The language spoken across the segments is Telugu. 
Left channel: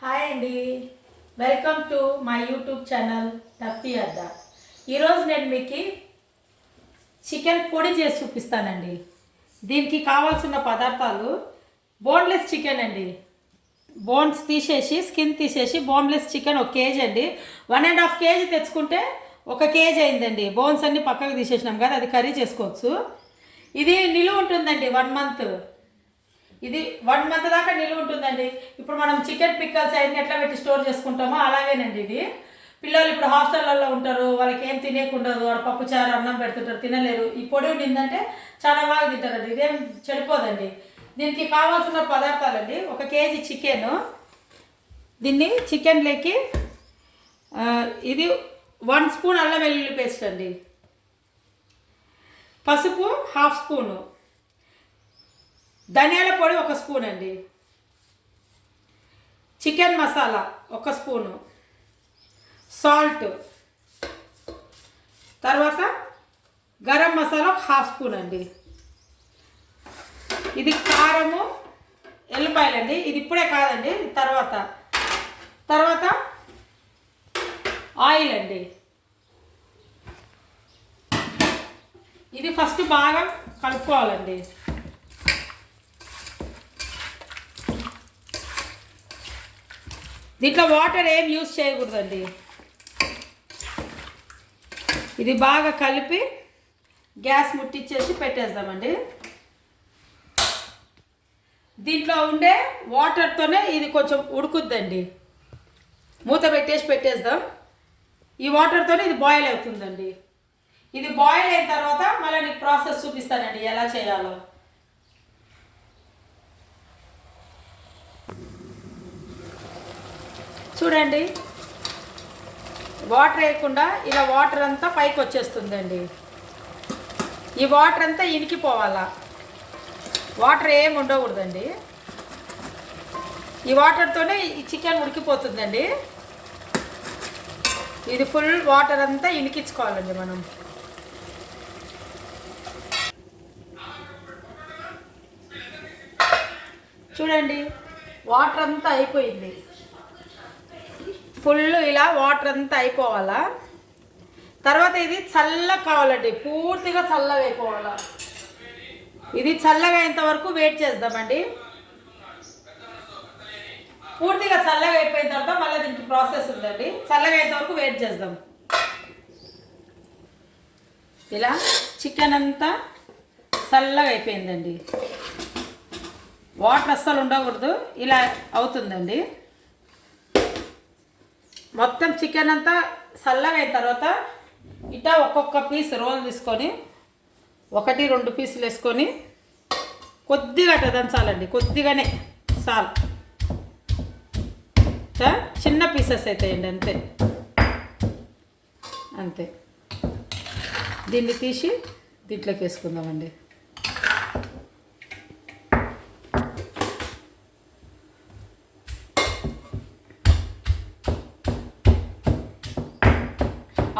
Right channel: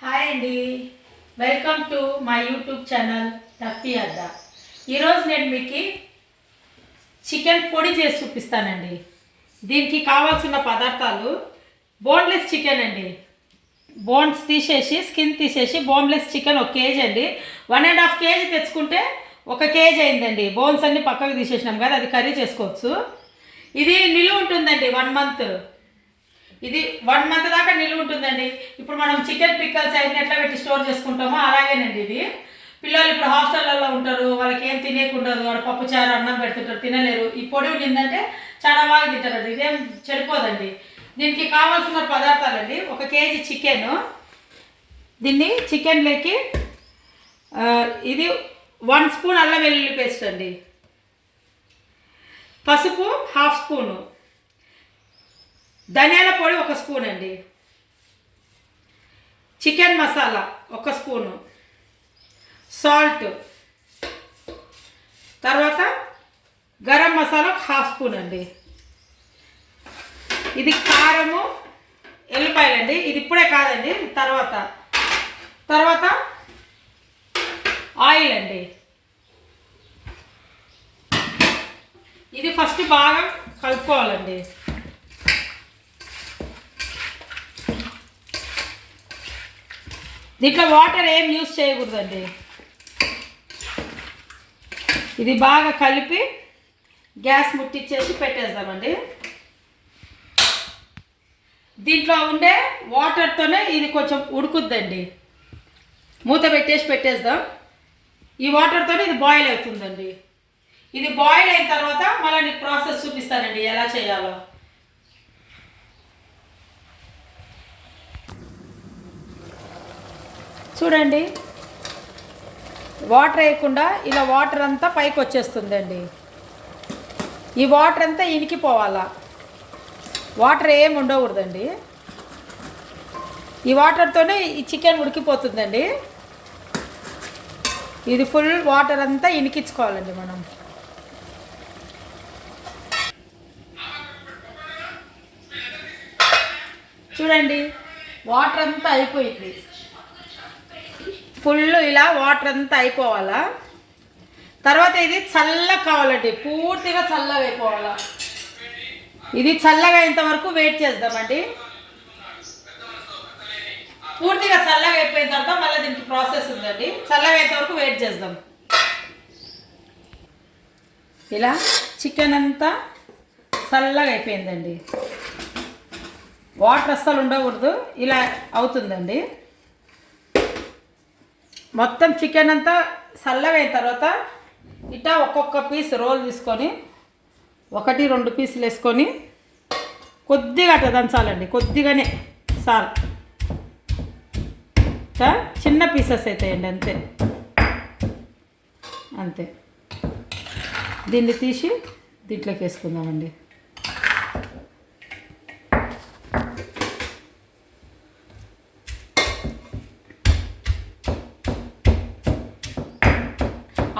హాయ్ అండి, welcome to my YouTube channel టఫీ అడ్డా. ఈరోజు నేను మీకు చికెన్ పొడి చేసి చూపిస్తానండి. దీనికి కావాల్సిన పదార్థాలు బోన్లెస్ చికెన్ అండి. బోన్స్ తీసేసి స్కిన్ తీసేసి బోన్లెస్ చికెన్ 1 కేజీ అండి. 1.5 కేజీ తెచ్చుకుంటే 1 కేజీ అయిందండి. బోన్స్ అన్ని పక్కకు తీసేసినాం కదా, అది కర్రీ చేసుకోవచ్చు. ఇది నిలువ ఉంటుందండి 1 మంత్. ఇది 1 మంత్ దాకా నిలువ ఉంటుందండి. ఇప్పుడు మనం చికెన్ పిక్కల్స్ అయిన ఎట్లా పెట్టి స్టోర్ చేసుకుంటామో అలాగేనండి ఇది. పిల్లలు ఇప్పుడు హాస్టల్లో ఉంటారు, వాళ్ళకి ఏం తినేకుండదు, వాడు పప్పుచారు అన్నం పెడుతుంటారు, తినలేరు. ఈ పొడి ఉండిందంటే చాలా బాగా తింటారండి. ఇదేం చెడిపోదండి. దీనికి కావాల్సిన పదార్థాలండి: 1 కేజీ చికెను. దీన్ని చికెన్లోకి ఇది 1 స్పూన్ అల్లం వెల్లుల్లి పేస్ట్ అండి, పసుపు 1/2 స్పూను, ధనియాల పొడి 1 స్పూన్ అండి, చికెన్ మసాలా 1 స్పూను, సాల్ట్, తర్వాత గరం మసాలా 1/2 స్పూన్ అండి. ఇది కారము, ఎల్లిపాయలండి. ఇది ఇప్పుడే కాదండి, తర్వాత ఆయిల్ అండి. ఇది ఫస్ట్ బాగా కలుపుకోవాలండి. దీంట్లో వాటర్ ఏం యూజ్ చేయకూడదండి. ఇది బాగా కలిపి గ్యాస్ ముట్టించేసి పెట్టేద్దామండి. దీంట్లో ఉండే వాటర్తోనే ఇది కొంచెం ఉడుకుద్దండి. మూత పెట్టేద్దాం. ఈ వాటర్తోనే ఇది బాయిల్ అవుతుందండి. ఇది బాయిల్ అయిన తర్వాత మళ్ళీ నీకు ప్రాసెస్ చూపిస్తానండి ఎలా చేయాలో. చూడండి, వాటర్ వేయకుండా ఇలా వాటర్ అంతా పైకి వచ్చేస్తుందండి. ఈ వాటర్ అంతా ఇనికిపోవాలా, వాటర్ ఏం ఉండకూడదండి. ఈ వాటర్తోనే ఈ చికెన్ ఉడికిపోతుందండి. ఇది ఫుల్ వాటర్ అంతా ఇనికించుకోవాలండి మనం. చూడండి, వాటర్ అంతా అయిపోయింది. ఫుల్ ఇలా వాటర్ అంతా అయిపోవాలా. తర్వాత ఇది చల్లగా కావాలండి, పూర్తిగా చల్లగా అయిపోవాలా. ఇది చల్లగా అయ్యేంత వరకు వెయిట్ చేద్దామండి. పూర్తిగా చల్లగా అయిపోయిన తర్వాత మళ్ళీ దీనికి ప్రాసెస్ ఉందండి. చల్లగా అయ్యేంత వరకు వెయిట్ చేద్దాం. ఇలా చికెన్ అంతా చల్లగా అయిపోయిందండి. వాటర్ అస్సలు ఉండకూడదు, ఇలా అవుతుందండి. మొత్తం చికెన్ అంతా చల్లగా అయిన తర్వాత ఇట్లా ఒక్కొక్క పీస్ రోల్ తీసుకొని 1-2 పీసులు వేసుకొని కొద్దిగా అట్లా దంచాలండి. కొద్దిగానే చాలు, చిన్న పీసెస్ అవుతాయండి, అంతే అంతే. దీన్ని తీసి దీంట్లోకి వేసుకుందామండి.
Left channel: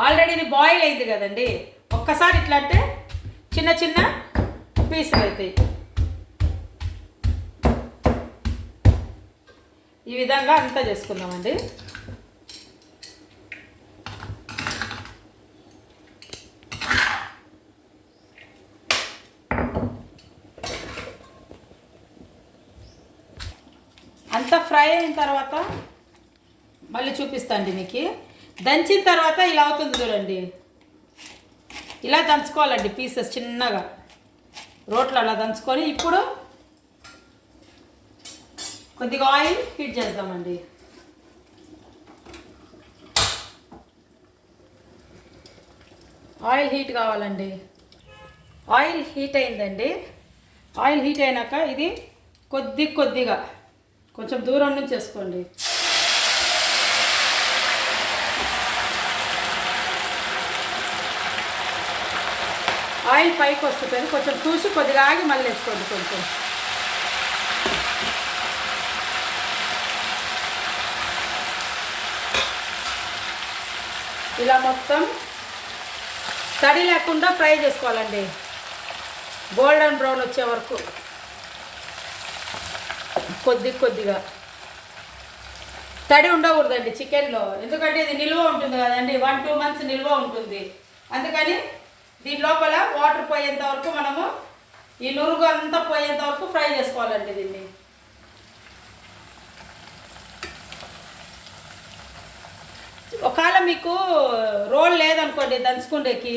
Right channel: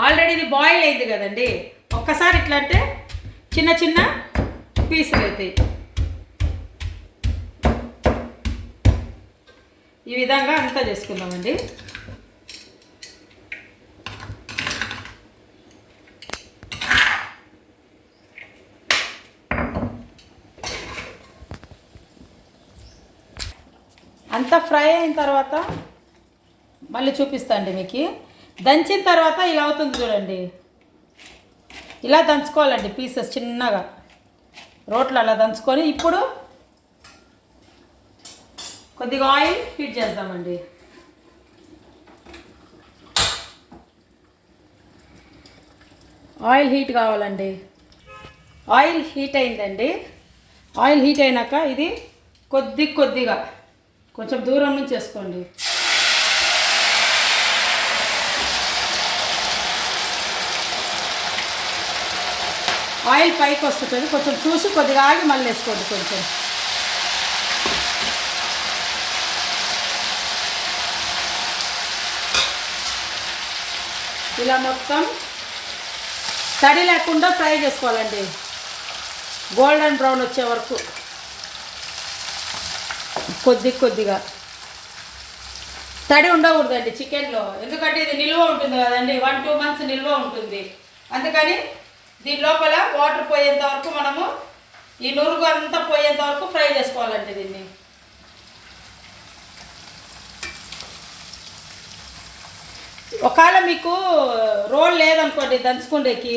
ఆల్రెడీ ఇది బాయిల్ అయింది కదండి. ఒక్కసారి ఇట్లా అంటే చిన్న చిన్న పీసులు అవుతాయి. ఈ విధంగా అంతా చేసుకుందామండి. అంతా ఫ్రై అయిన తర్వాత మళ్ళీ చూపిస్తాండి మీకు. దంచిన తర్వాత ఇలా అవుతుంది చూడండి. ఇలా దంచుకోవాలండి పీసెస్ చిన్నగా, రోట్లో అలా దంచుకొని. ఇప్పుడు కొద్దిగా ఆయిల్ హీట్ చేద్దామండి. ఆయిల్ హీట్ కావాలండి. ఆయిల్ హీట్ అయిందండి. ఆయిల్ హీట్ అయినాక ఇది కొద్దిగా కొంచెం దూరం నుంచి వేసుకోండి. ఆయిల్ పైకి వస్తుంటుంది, కొంచెం చూసి కొద్దిగా ఆగి మళ్ళీ వేసుకోండి. కొంచెం ఇలా మొత్తం తడి లేకుండా ఫ్రై చేసుకోవాలండి, గోల్డెన్ బ్రౌన్ వచ్చే వరకు. కొద్దిగా తడి ఉండకూడదండి చికెన్లో, ఎందుకంటే ఇది నిల్వ ఉంటుంది కదండి, 1-2 మంత్స్ నిల్వ ఉంటుంది. అందుకని దీని లోపల వాటర్ పోయేంత వరకు మనము ఈ నురుగు అంతా పోయేంత వరకు ఫ్రై చేసుకోవాలండి దీన్ని. ఒకవేళ మీకు రోల్ లేదనుకోండి దంచుకుండేకి,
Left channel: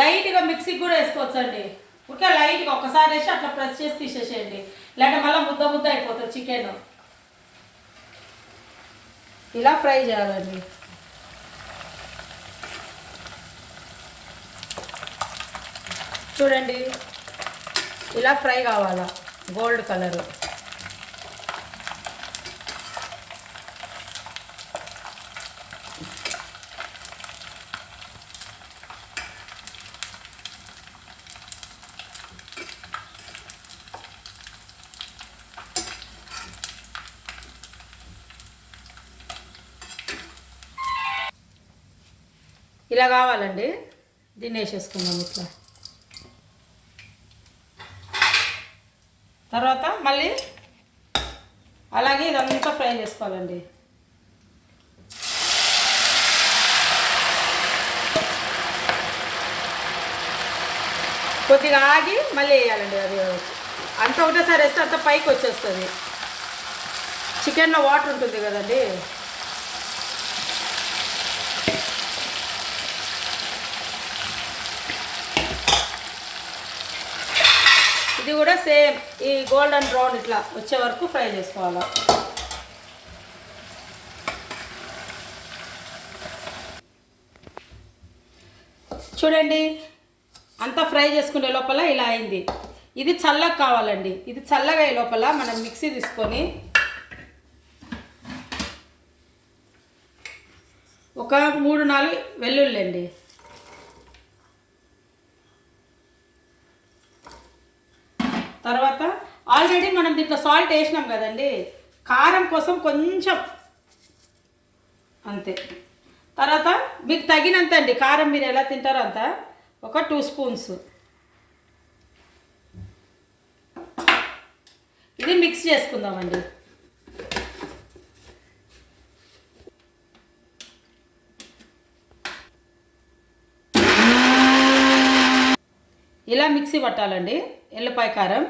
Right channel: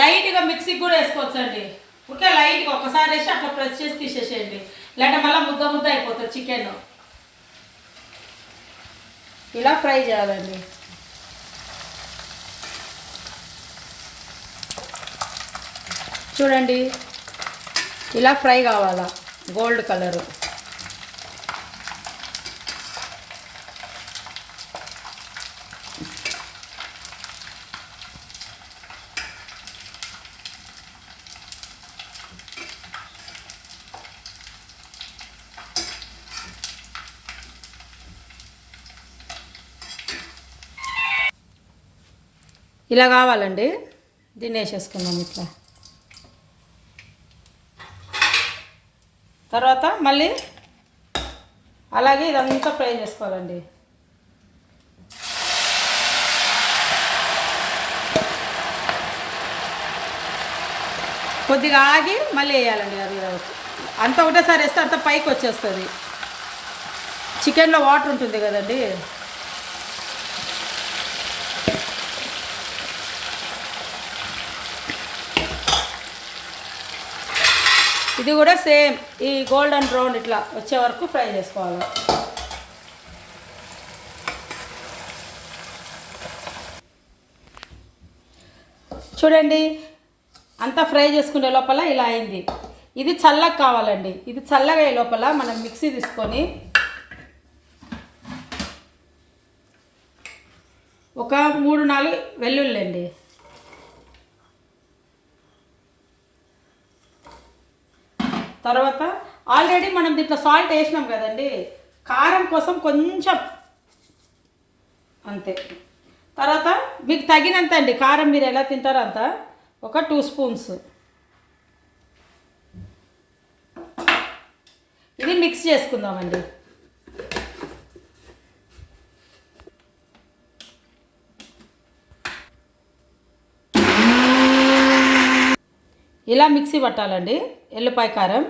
లైట్గా మిక్సీకి కూడా వేసుకోవచ్చండి. ఊరికే లైట్గా ఒకసారి వేసి అట్లా ప్రెస్ చేసి తీసేసేయండి, లేదంటే మళ్ళీ ముద్ద ముద్ద అయిపోతుంది చికెన్. ఇలా ఫ్రై చేయాలండి. చూడండి, ఇలా ఫ్రై కావాలా, గోల్డ్ కలరు. ఇలా కావాలండి. దీన్ని వేసేసుకుందాం ఇట్లా. తర్వాత మళ్ళీ అలాగే ఇదంతా ఫ్రై చేసుకోవాలండి. కొద్దిగా ఆగి మళ్ళీ వేయాలండి. అది అంత ఒకటేసారి వేస్తే అంత పైకి వచ్చేస్తుంది. చికెన్లో వాటర్ ఉంటుంది కదండి. ఇది కూడా సేమ్ ఈ గోల్డెన్ బ్రౌన్ ఇట్లా వచ్చే వరకు ఫ్రై చేసుకోవాలి. చూడండి, అంతా ఫ్రై చేసుకునే లోపల ఇలా అయింది. ఇది చల్లగా కావాలండి. ఇది చల్లగా అయ్యే లోపల మనం మిక్సీ తీసుకొని ఒక 3-4 వెల్లుల్లి అండి, తర్వాత ఆల్రెడీ మనం దీంట్లో సాల్ట్ వేసినాం కదండి, కారం కోసం కొంచెం అంతే. తర్వాత మీకు తగినంత అండి, కారం మీరు ఎలా తింటారో అంత, ఒక 2 స్పూన్స్. ఇది మిక్స్ చేసుకుందామండి. ఇలా మిక్సీ పట్టాలండి ఎల్లిపాయ కారం.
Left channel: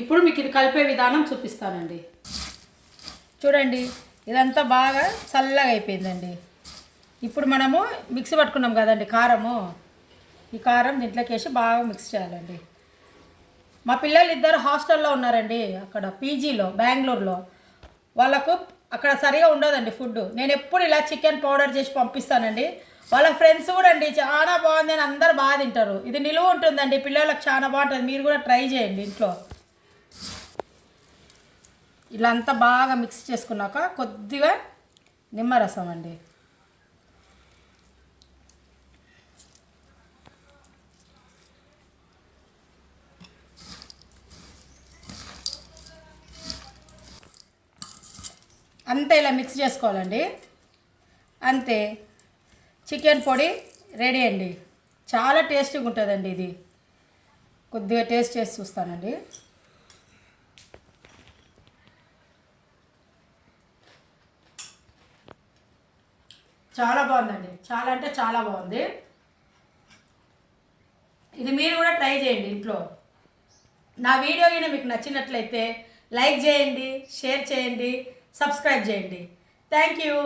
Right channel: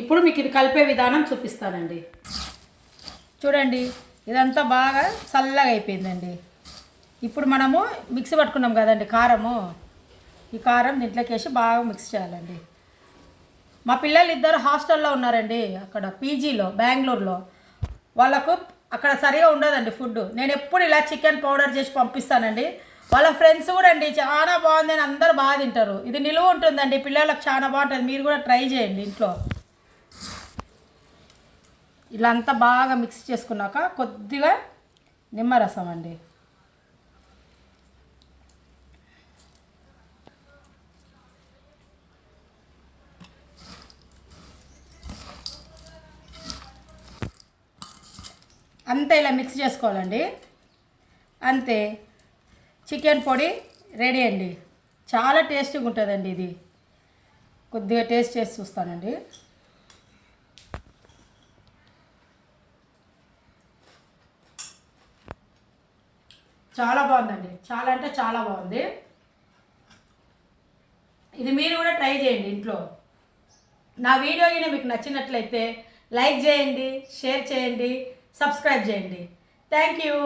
ఇప్పుడు మీకు ఇది కలిపే విధానం చూపిస్తానండి. చూడండి, ఇదంతా బాగా చల్లగా అయిపోయిందండి. ఇప్పుడు మనము మిక్సీ పట్టుకున్నాం కదండి కారము, ఈ కారం దీంట్లోకి వేసి బాగా మిక్స్ చేయాలండి. మా పిల్లలు ఇద్దరు హాస్టల్లో ఉన్నారండి, అక్కడ పీజీలో బెంగళూరులో. వాళ్ళకు అక్కడ సరిగా ఉండదండి ఫుడ్. నేను ఎప్పుడు ఇలా చికెన్ పౌడర్ చేసి పంపిస్తానండి. వాళ్ళ ఫ్రెండ్స్ కూడా అండి చాలా బాగుంది అని అందరు బాగా తింటారు. ఇది నిలువ ఉంటుందండి, పిల్లలకు చాలా బాగుంటుంది. మీరు కూడా ట్రై చేయండి ఇంట్లో. ఇలా అంతా బాగా మిక్స్ చేసుకున్నాక కొద్దిగా నిమ్మరసం అండి. అంతే ఇలా మిక్స్ చేసుకోవాలండి. అంతే, చికెన్ పొడి రెడీ అండి. చాలా టేస్టీగా ఉంటుందండి ఇది. కొద్దిగా టేస్ట్ చేసి చూస్తానండి. చాలా బాగుందండి, చాలా అంటే చాలా బాగుంది. ఇది మీరు కూడా ట్రై చేయండి ఇంట్లో. నా వీడియో కింద మీకు నచ్చినట్లయితే లైక్ చేయండి, షేర్ చేయండి, సబ్స్క్రైబ్ చేయండి. Thank you.